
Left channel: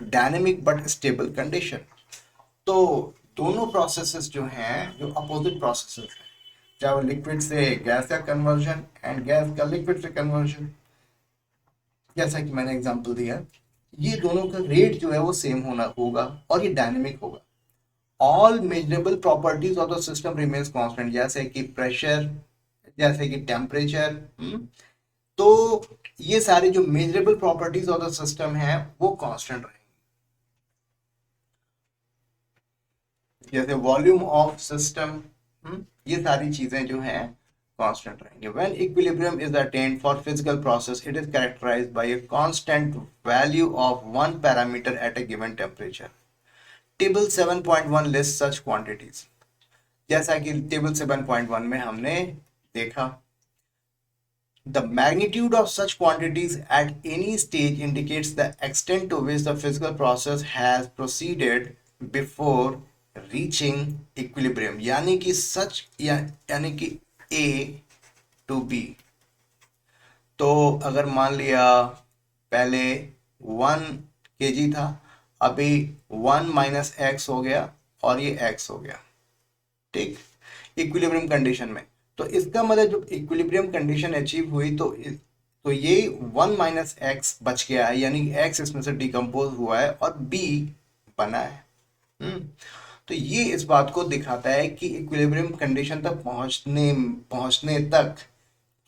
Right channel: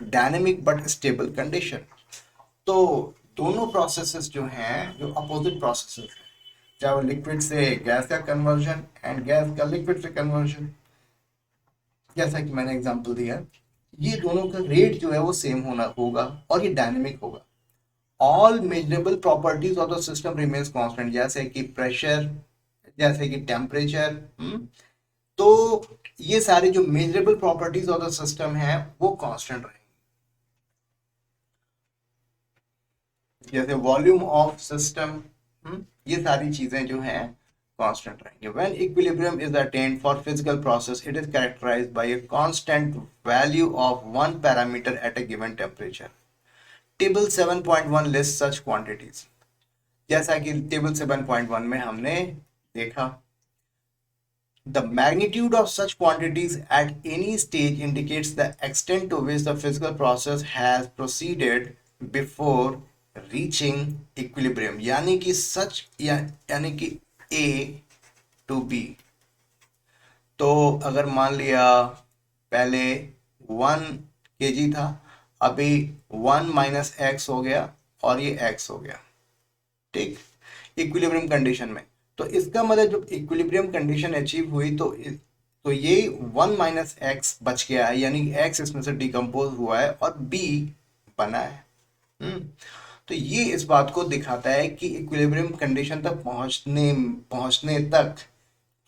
dynamic but stable condition. तो दोनों प्रोसेसेस जो हैं, जो अपोजिट प्रोसेसेस हैं, चाहे वो लिक्विड से गैस का कन्वर्जन एंड गैस का लिक्विड से कन्वर्जन, जैसा कि मैंने एग्जांपल दिया, ये दोनों का रेट जो है वो सेम होना होगा और ये डायनेमिक होगा। All measurable properties of the system remains constant, जैसे कि प्रेशर, जैसे कि टेम्परेचर। तो ये सारे जो measurable properties of the system है वो कांस्टेंट रहेंगे, जैसे वॉल्यूम ऑफ सिस्टम, ये सारी चीजें जो हैं कांस्टेंट रहेंगे। When equilibrium is attained for physical process it is characterized by a constant value of one parameter at a given temperature. Table 7.1 list such quantities, जैसा कि टेबल 7.1 में हमने देखा। The magnitude of such quantities at any stage indicates the extent to which the physical process has proceeded before reaching equilibrium, यानी कि सच यानी कि A to B। तो अगर मान लिया पहले 1 kg था, अभी 1 माइनस एक्स हो गया और ये x हो गया, ठीक, इक्विलिब्रियम कंडीशन में। तो इसका मतलब जब इक्विलिब्रियम कंडीशन अचीव हुई तो ये 1 माइनस एक्स बच गया है, यानी एक्स इसमें से डिकम्पोज हुआ है और b बना है। तो ये इस बात को दिखाता है कि इक्विलिब्रियम कंडीशन तक पहुंचने तक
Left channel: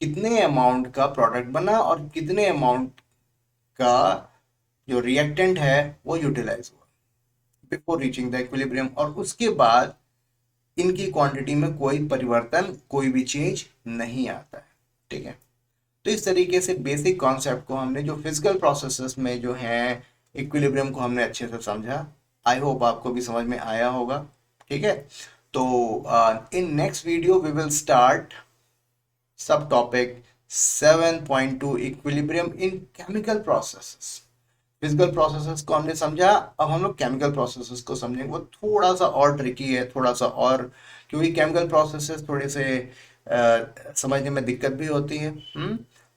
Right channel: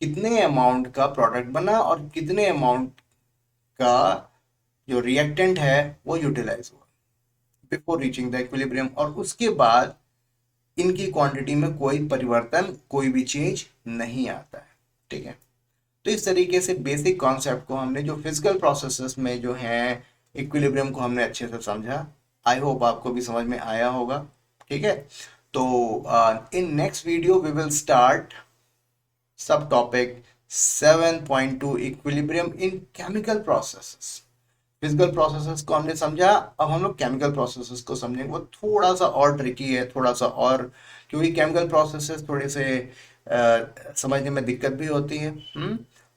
कितने अमाउंट का प्रोडक्ट बना और कितने अमाउंट का जो रिएक्टेंट है वो यूटिलाइज हुआ बिफोर रीचिंग द इक्विलिब्रियम, और उसके बाद इनकी क्वांटिटी में कोई परिवर्तन, कोई भी चेंज नहीं आता है, ठीक है। तो इस तरीके से बेसिक कॉन्सेप्ट को हमने जो फिजिकल प्रोसेसेस में जो है इक्विलिब्रियम को हमने अच्छे से समझा। आई होप आपको भी समझ में आया होगा, ठीक है। तो in next video we will start subtopic 7.2 equilibrium in chemical processes. Physical processes को हमने समझा, अब हम लोग केमिकल प्रोसेसेस को समझेंगे। वो थोड़ा सा और ट्रिकी है, थोड़ा सा और, क्योंकि केमिकल प्रोसेसेस थोड़े से समझने में दिक्कत भी होती है।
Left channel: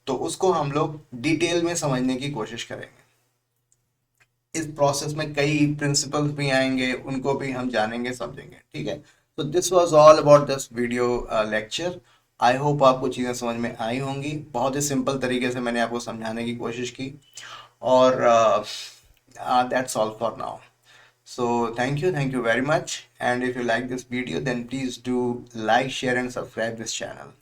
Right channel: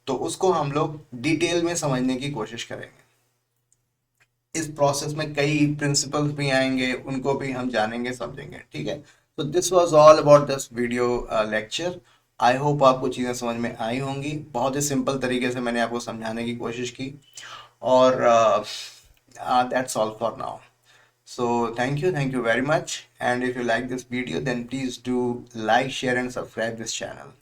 तो उसको हम लोग डिटेल में समझने की कोशिश करेंगे। इस प्रोसेस में कई प्रिंसिपल्स भी आएंगे, उनको भी हम जानेंगे, समझेंगे, ठीक है। तो this was all about this video lecture. I hope आपको चीज़ें समझ में आई होंगी। बहुत ही सिंपल तरीके से मैंने आपको समझाने की कोशिश की, और that's all for now. So thank you very much, and if you like this video then please do like, share and subscribe this channel.